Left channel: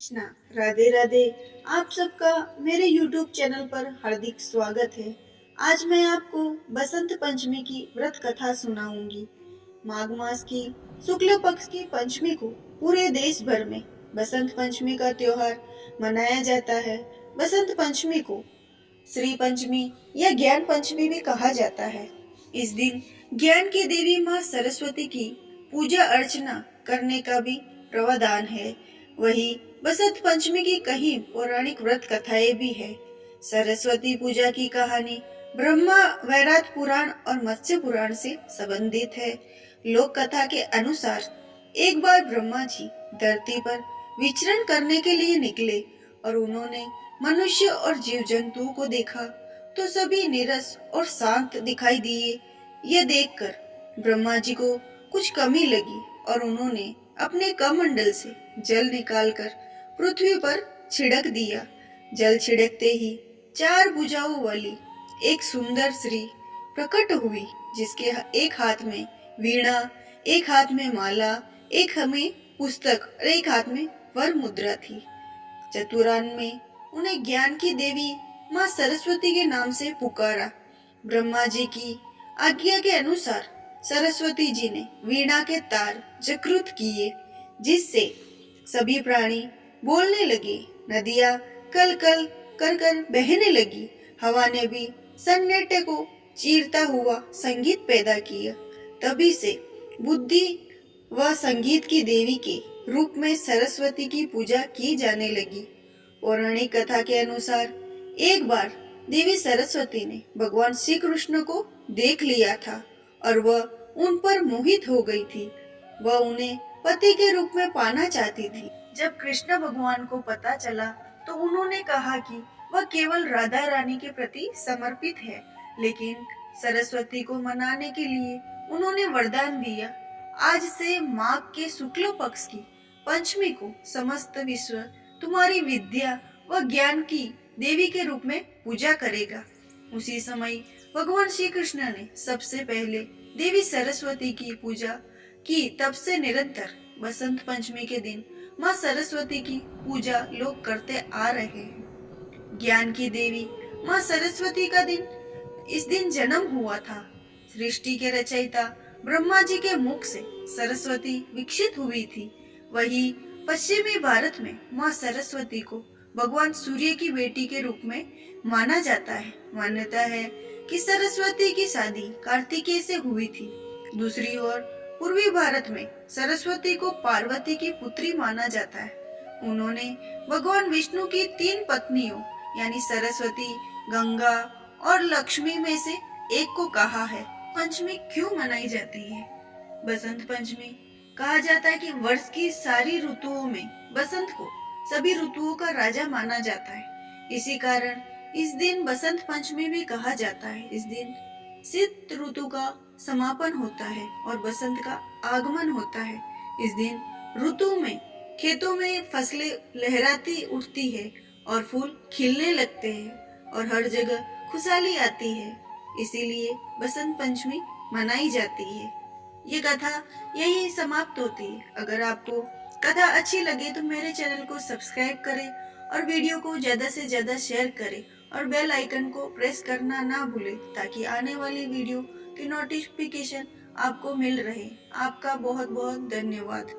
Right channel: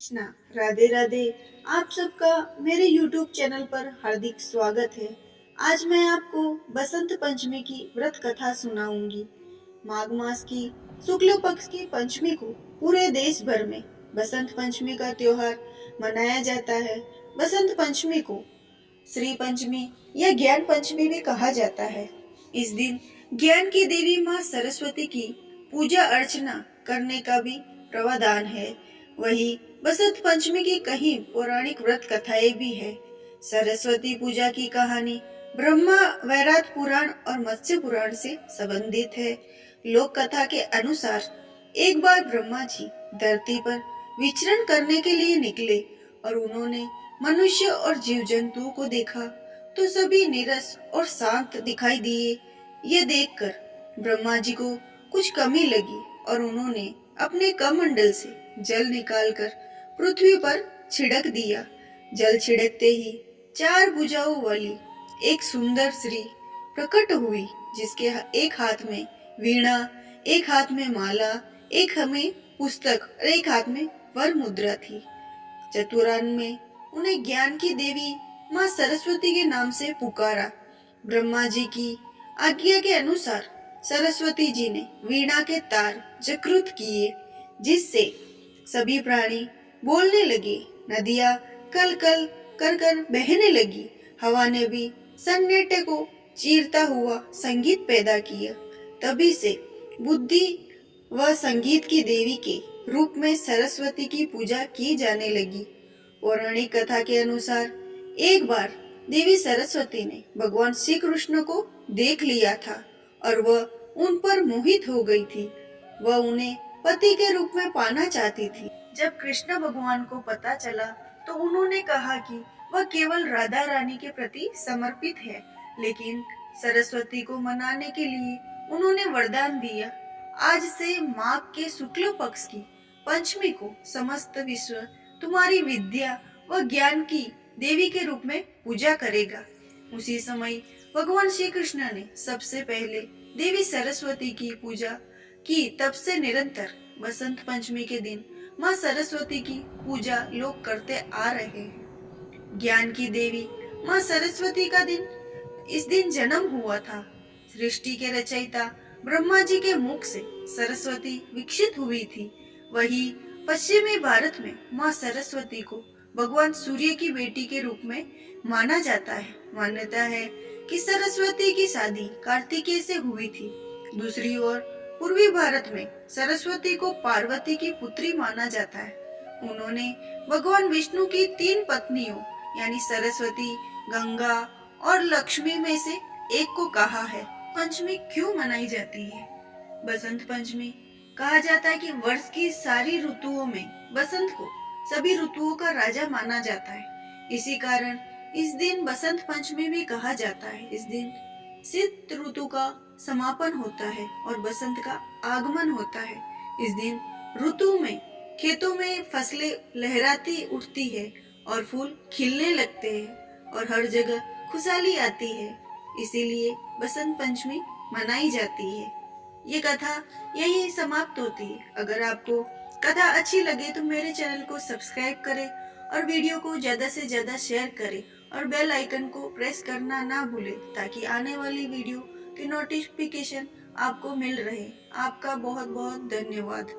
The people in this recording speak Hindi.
कृष्णा। राधे राधे। आप सबका मेरे YouTube चैनल पर हार्दिक स्वागत है। आज मैं आपको बसंत पंचमी की व्रत कथा सुनाऊंगी। माघ मास की शुक्ल पक्ष की पंचमी को पूरे देश भर में बसंत पंचमी का त्योहार मनाया जाता है। बसंत पंचमी को श्री पंचमी या ज्ञान पंचमी भी कहा जाता है। इस दिन ज्ञान की देवी माँ सरस्वती की पूजा अर्चना करने का भी प्रावधान है। वही बसंत पंचमी की कई पौराणिक व्रत कथाएं भी है। सरस्वती पूजा की कहानी ब्रह्मा वैरात पुराण और मत्स्य पुराण से संबंधित है। लोक कथा के अनुसार एक बार ब्रह्मा जी धरती पर विचरण करने के लिए निकले और उन्होंने मनुष्य और जीव जंतुओं को देखा तो सभी नीरस और शांत दिखाई दिए। यह देखकर ब्रह्मा जी को कुछ कमी लगी और उन्होंने अपने कमंडल से जल निकालकर पृथ्वी पर छिड़क दिया। जल छिड़कते ही चार भुजाओं वाली एक सुंदर स्त्री प्रकट हुई, जिसके एक हाथ में वीणा, एक हाथ में माला, एक में पुस्तक और एक हाथ में वर मुद्रा थी। चतुरान में उन्हें ज्ञान की देवी माँ सरस्वती के नाम से पुकारा। ब्रह्मा जी की आज्ञा के अनुसार सरस्वती जी ने वीणा के तार जागृत किए, जिससे सभी प्राणी बोलने लगे। नदियां कल कल कर कर बहने लगी। हवा ने भी सन्नाटे को चीरता हुआ संगीत पैदा किया। तभी से बुद्धि व संगीत की देवी के रूप में सरस्वती की पूजा की जाने लगी। पौराणिक कथा के अनुसार एक बार देवी सरस्वती ने भगवान श्री कृष्ण को देख लिया था और वह उन पर मोहित हो गई थी। वह उन्हें पति के रूप में पाना चाहती थी। जब कृष्ण भगवान को पता चला तो उन्होंने कहा कि वह केवल राधा रानी के प्रति समर्पित है, लेकिन सरस्वती को मनाने के लिए उन्होंने वरदान दिया, आज से माघ के शुक्ल पक्ष की पंचमी को समस्त विश्व तुम्हारी विद्या व ज्ञान की देवी के रूप में पूजा करेगा। उसी समय भगवान श्री कृष्ण ने सबसे पहले देवी सरस्वती की पूजा की। तब से निरंतर बसंत पंचमी के दिन माँ सरस्वती की पूजा लोग करते आ रहे हैं। ज्ञान की देवी माँ सरस्वती का दिन इस दिन जन्म हुआ था। सृष्टि के रचयिता ब्रह्मा जी के मुख से सरस्वती विकसित हुई थी। वही पश्चिमी भारत में माँ सरस्वती को भगवान सूर्य की बेटी के रूप में माना जाता है। मान्यता है कि सरस्वती की शादी कार्तिकेय से हुई थी। दूसरी ओर पूर्वी भारत में सरस्वती को पार्वती की पुत्री माना जाता है। उन्होंने भगवान विष्णु की तीन पत्नियों यानी सरस्वती, गंगा और लक्ष्मी में से एक को कहा है। पंचमी क्यों मनाई जाती है? बसंत पंचमी कहा जाता है कि वर्ष की सारी ऋतुओं में बसंत को सभी ऋतुओं का राजा माना जाता है। इसी कारण इस दिन बसंत पंचमी भी कहा जाता है। इस दिन शीत ऋतु का समापन होता है और बसंत का आगमन होता है। इस दिन ऋतु में खेतों में फसलें लहराती उठती है और फूल खिलने लगते हैं और हर जगह खुशहाली आती है। इसीलिए बसंत पंचमी मनाई जाती है। ये कथा यही समाप्त होती है। अगर आपको कथा अच्छी लगे तो मेरे चैनल को सब्सक्राइब करें और वीडियो को ज्यादा से ज्यादा शेयर करें और बेल आइकन को प्रेस करना ना भूलें, ताकि आने वाली वीडियो की नोटिफिकेशन आपको मिल रहे। आपका बहुत बहुत धन्यवाद।